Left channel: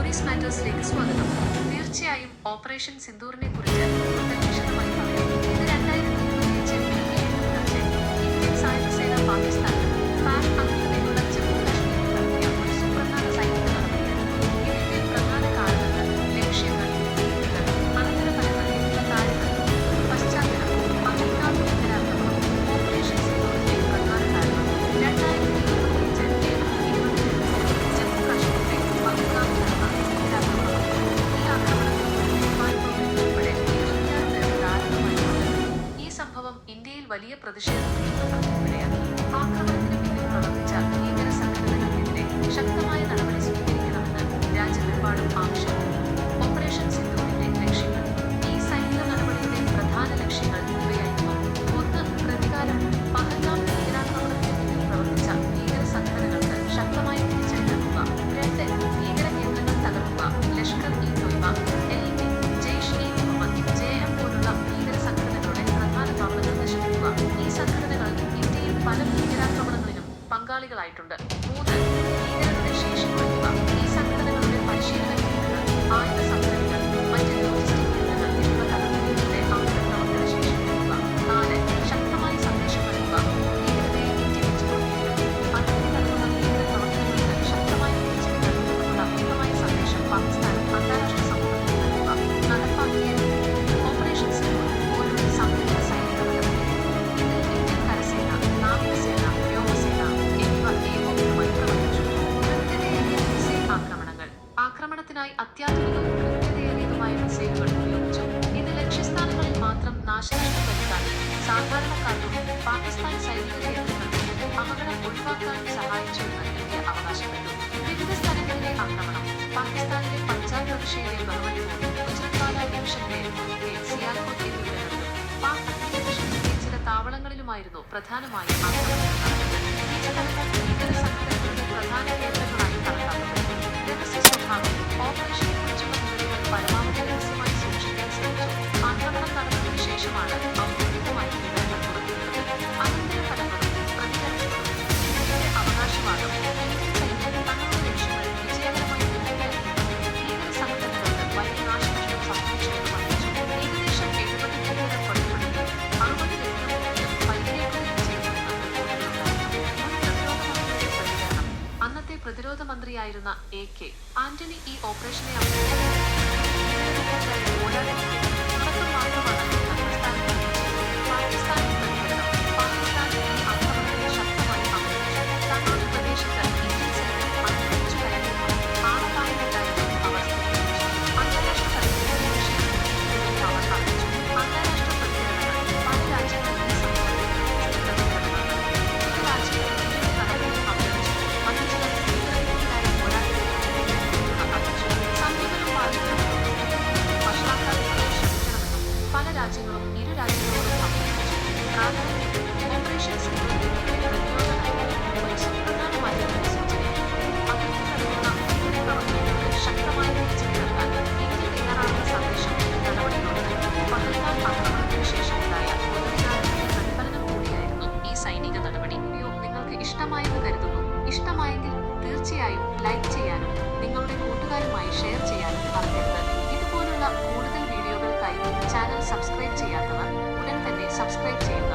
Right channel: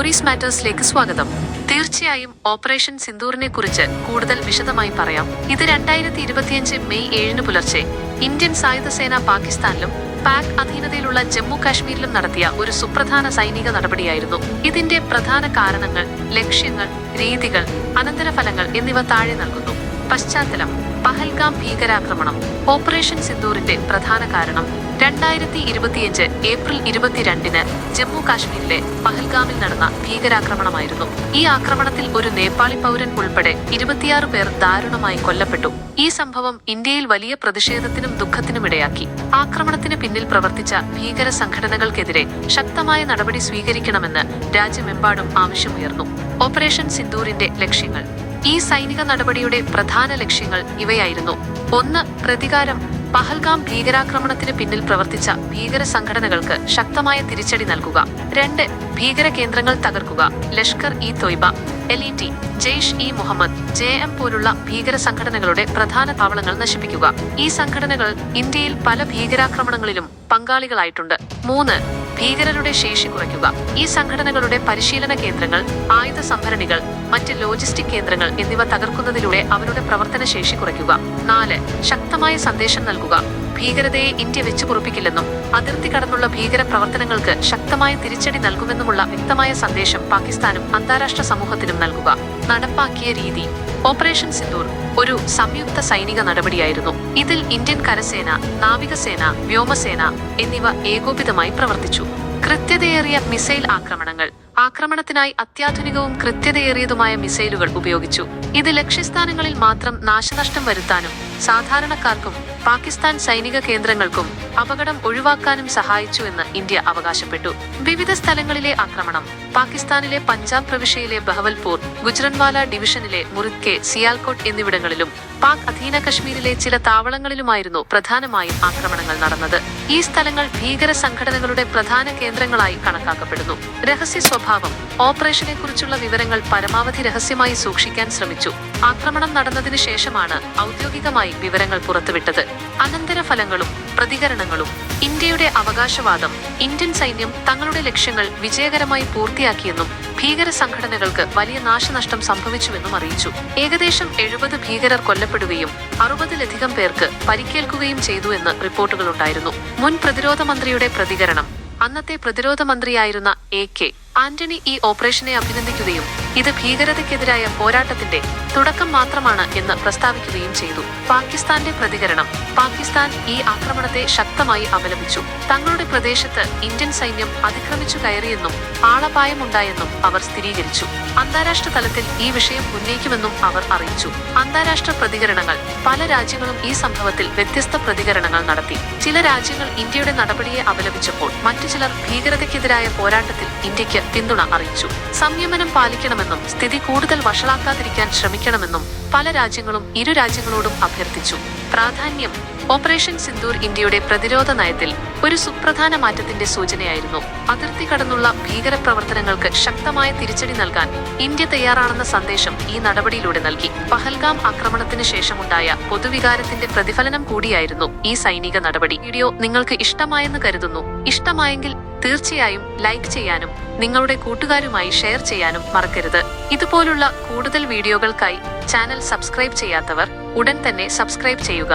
Stories മാറ്റേഴ്സിലേക്ക് സ്വാഗതം. തീർച്ചയായും operation സിന്ദൂറിനെ കുറിച്ച് കൂടുതൽ വിശദമായി പറയാം. ഇത് 2025 മെയ് 7 പുലർച്ചെ ഇന്ത്യൻ സായുധ സേന പാകിസ്ഥാനിലും പാക് അധീനതയിലുള്ള ജമ്മു കാശ്മീരിലും നടത്തിയ ഒരു സുപ്രധാന സൈനിക നടപടിയായിരുന്നു. ഇതിന്റെ പ്രധാന കാരണങ്ങൾ, ലക്ഷ്യങ്ങൾ, രീതികൾ, അനന്തരഫലങ്ങൾ എന്നിവ താഴെ നൽകുന്നു. പശ്ചാത്തലം: പഹൽഗാം ഭീകരാക്രമണം. ഓപ്പറേഷൻ സിന്ദൂറിന്റെ പ്രധാന കാരണം 2025 ഏപ്രിൽ 22-ന് ജമ്മു കാശ്മീരിലെ പഹൽഗാമിൽ നടന്ന ഭീകരാക്രമണമായിരുന്നു. ഈ ആക്രമണത്തിൽ ഒരു നേപ്പാളി പൗരൻ ഉൾപ്പെടെ 26 പേർ ദാരുണമായി കൊല്ലപ്പെട്ടു. ഈ സംഭവം ഇന്ത്യയിൽ വലിയ പ്രതിഷേധത്തിനും ദുഃഖത്തിനും ഇടയാക്കി. ആക്രമണത്തിന് പിന്നിൽ പ്രവർത്തിച്ച ഭീകര സംഘടനകൾക്കെതിരെ ശക്തമായ നടപടി സ്വീകരിക്കണമെന്ന് രാജ്യമെമ്പാടും ആവശ്യമുയർന്നു. ഓപ്പറേഷൻ സിന്ദൂറിന്റെ ലക്ഷ്യങ്ങൾ. ഈ സൈനിക നടപടിയുടെ പ്രധാന ലക്ഷ്യങ്ങൾ ഇവയായിരുന്നു: 1. പ്രതികാരം. പഹൽഗാം ഭീകരാക്രമണത്തിന് പിന്നിൽ പ്രവർത്തിച്ച ഭീകര സംഘടനകൾക്ക് ശക്തമായ തിരിച്ചടി നൽകുക. 2. ഭീകര കേന്ദ്രങ്ങൾ തകർക്കുക. ലഷ്കർ-ഇ-തോയ്ബ, LET, ജെയ്ഷ്-ഇ-മുഹമ്മദ്, JM പോലുള്ള ഭീകര സംഘടനകളുടെ പ്രധാന താവളങ്ങൾ നശിപ്പിക്കുക. ഈ സംഘടനകൾ ഇന്ത്യയിൽ പല ഭീകരാക്രമണങ്ങളിലും പങ്കാളികളായിട്ടുണ്ട്. 3. ഭീകരരുടെ ശേഷി കുറയ്ക്കുക. ഈ സംഘടനകളുടെ പരിശീലന കേന്ദ്രങ്ങൾ, ആയുധ സംഭരണികൾ, മറ്റ് ലോജിസ്റ്റിക് കേന്ദ്രങ്ങൾ എന്നിവ തകർക്കുന്നതിലൂടെ അവരുടെ പ്രവർത്തന ശേഷി കുറയ്ക്കുക. 4. ശക്തമായ സന്ദേശം നൽകുക. ഭീകരതയെ ഇന്ത്യ വെച്ചുപൊറുപ്പിക്കില്ലെന്നും അതിർത്തി കടന്നുള്ള ഭീകര പ്രവർത്തനങ്ങൾക്ക് ശക്തമായ തിരിച്ചടി നൽകുമെന്നുമുള്ള വ്യക്തമായ സന്ദേശം പാകിസ്ഥാനും അന്താരാഷ്ട്ര സമൂഹത്തിനും നൽകുക. നടപ്പാക്കിയ രീതി. ഓപ്പറേഷൻ സിന്ദൂർ ഒരു സംയുക്ത സൈനിക നടപടിയായിരുന്നു. ഇതിൽ ഇന്ത്യൻ കരസേന, നാവികസേന, വ്യോമസേന എന്നിവ ഏകോപിതമായി പ്രവർത്തിച്ചു. കൃത്യതയേറിയ മിസൈൽ ആക്രമണങ്ങൾ. ആക്രമണത്തിനായി അത്യാധുനികവും കൃത്യതയേറിയതുമായ മിസൈലുകൾ ഉപയോഗിച്ചു. ഇത് ലക്ഷ്യസ്ഥാനങ്ങളിൽ മാത്രം നാശനഷ്ടം വരുത്താനും സാധാരണക്കാർക്കും പാകിസ്ഥാൻ സൈനിക കേന്ദ്രങ്ങൾക്കും അപകടം ഒഴിവാക്കാനും സഹായിച്ചുവെന്ന് ഇന്ത്യ അവകാശപ്പെട്ടു. വിവിധ സ്ഥലങ്ങളിലെ ആക്രമണം. പാകിസ്ഥാനിലെ പഞ്ചാബ് പ്രവിശ്യയിലെ ബഹവൽപൂർ, ഗുജ്റൻവാല ഡിവിഷനിലെ മുറിദ്കെ, സിയാൽകോട്ട് എന്നിവിടങ്ങളിലും പാക് അധീന കശ്മീരിലെ ചില താവളങ്ങളിലുമായിരുന്നു പ്രധാനമായും ആക്രമണങ്ങൾ നടന്നത്. ഈ സ്ഥലങ്ങൾ ഭീകര സംഘടനകളുടെ പ്രധാന കേന്ദ്രങ്ങളായി കണക്കാക്കപ്പെടുന്നു. രഹസ്യ സ്വഭാവം. ഓപ്പറേഷനെ കുറിച്ചുള്ള വിവരങ്ങൾ പരമാവധി രഹസ്യമായി സൂക്ഷിക്കാൻ ശ്രമിച്ചു. ആക്രമണം നടന്നതിന് ശേഷമാണ് ഔദ്യോഗികമായി വിവരങ്ങൾ പുറത്തുവിട്ടത്. അനന്തരഫലങ്ങളും പ്രതികരണങ്ങളും. ഇന്ത്യയുടെ അവകാശവാദം: ഇന്ത്യൻ സൈന്യം തങ്ങളുടെ ലക്ഷ്യങ്ങൾ വിജയകരമായി പൂർത്തിയാക്കിയെന്നും ഭീകര സംഘടനകൾക്ക് വലിയ നാശനഷ്ടം സംഭവിച്ചുവെന്നും അറിയിച്ചു. ഏകദേശം 70 ഭീകരർ കൊല്ലപ്പെടുകയും 60-ലധികം പേർക്ക് പരിക്കേൽക്കുകയും ചെയ്തു എന്ന് റിപ്പോർട്ടുകളുണ്ടായിരുന്നു. മുൻ പ്രതിരോധ മന്ത്രിയുടെ പ്രതികരണം. അന്നത്തെ പ്രതിരോധ മന്ത്രിയായിരുന്ന AK ആന്റണി ഈ ഓപ്പറേഷനെ അഭിനന്ദിക്കുകയും ഇത് ഭീകരതയ്ക്കെതിരായ പോരാട്ടത്തിന്റെ തുടക്കം മാത്രമാണ് എന്ന് പ്രസ്താവിക്കുകയും ചെയ്തു. പാകിസ്ഥാന്റെ പ്രതികരണം. പാകിസ്ഥാൻ ഈ ആക്രമണത്തെ ശക്തമായി അപലപിച്ചു. തങ്ങളുടെ പ്രദേശത്ത് ഇന്ത്യൻ സൈന്യം അതിക്രമിച്ചു കയറിയെന്നും ആളപായമുണ്ടായെന്നും അവർ സ്ഥിരീകരിച്ചു. അന്താരാഷ്ട്ര തലത്തിൽ ഈ വിഷയം ഉന്നയിക്കുമെന്നും അവർ അറിയിച്ചു. അന്താരാഷ്ട്ര പ്രതികരണങ്ങൾ. പല രാജ്യങ്ങളും ഈ സംഭവത്തിൽ വ്യത്യസ്ത പ്രതികരണങ്ങൾ നടത്തി. ചില രാജ്യങ്ങൾ ഇന്ത്യയുടെ നടപടിയെ അപലപിച്ചപ്പോൾ മറ്റു ചിലർ ഭീകരതയ്ക്കെതിരായ പോരാട്ടത്തിൽ ഇന്ത്യക്ക് പിന്തുണ അറിയിച്ചു. സംയമനം പാലിക്കണമെന്നും സ്ഥിതി കൂടുതൽ വഷളാക്കാതിരിക്കാൻ ശ്രമിക്കണമെന്നും പല രാജ്യങ്ങളും ഇരു രാജ്യങ്ങളോടും അഭ്യർത്ഥിച്ചു. പ്രാധാന്യം. ഓപ്പറേഷൻ സിന്ദൂർ ഇന്ത്യയുടെ പ്രതിരോധ നയത്തിൽ ഒരു സുപ്രധാന മാറ്റത്തിന്റെ സൂചനയായിരുന്നു. അതിർത്തി കടന്നുള്ള ഭീകര പ്രവർത്തനങ്ങൾക്ക് ശക്തമായ തിരിച്ചടി നൽകാൻ ഇന്ത്യ തയ്യാറാണെന്ന സന്ദേശം ഈ നടപടിയിലൂടെ നൽകി. പഹൽഗാം ആക്രമണത്തിന് ശേഷമുണ്ടായ പൊതുവികാരത്തിന്റെ പ്രതിഫലനം കൂടിയായിരുന്നു ഈ സൈനിക നടപടി. വീഡിയോ നിങ്ങൾക്ക് ഇഷ്ടമായെന്ന് കരുതുന്നു. ഇഷ്ടമായെങ്കിൽ തീർച്ചയായും ലൈക്ക് ചെയ്യാനും നിങ്ങളുടെ കൂട്ടുകാരുമായി ഷെയർ ചെയ്യാനും മറക്കരുത്. ഇതുപോലുള്ള കൂടുതൽ വീഡിയോകൾക്കായി ചാനൽ സബ്സ്ക്രൈബ് ചെയ്യാത്തവർ ഉടൻ തന്നെ സബ്സ്ക്രൈബ് ചെയ്യുക.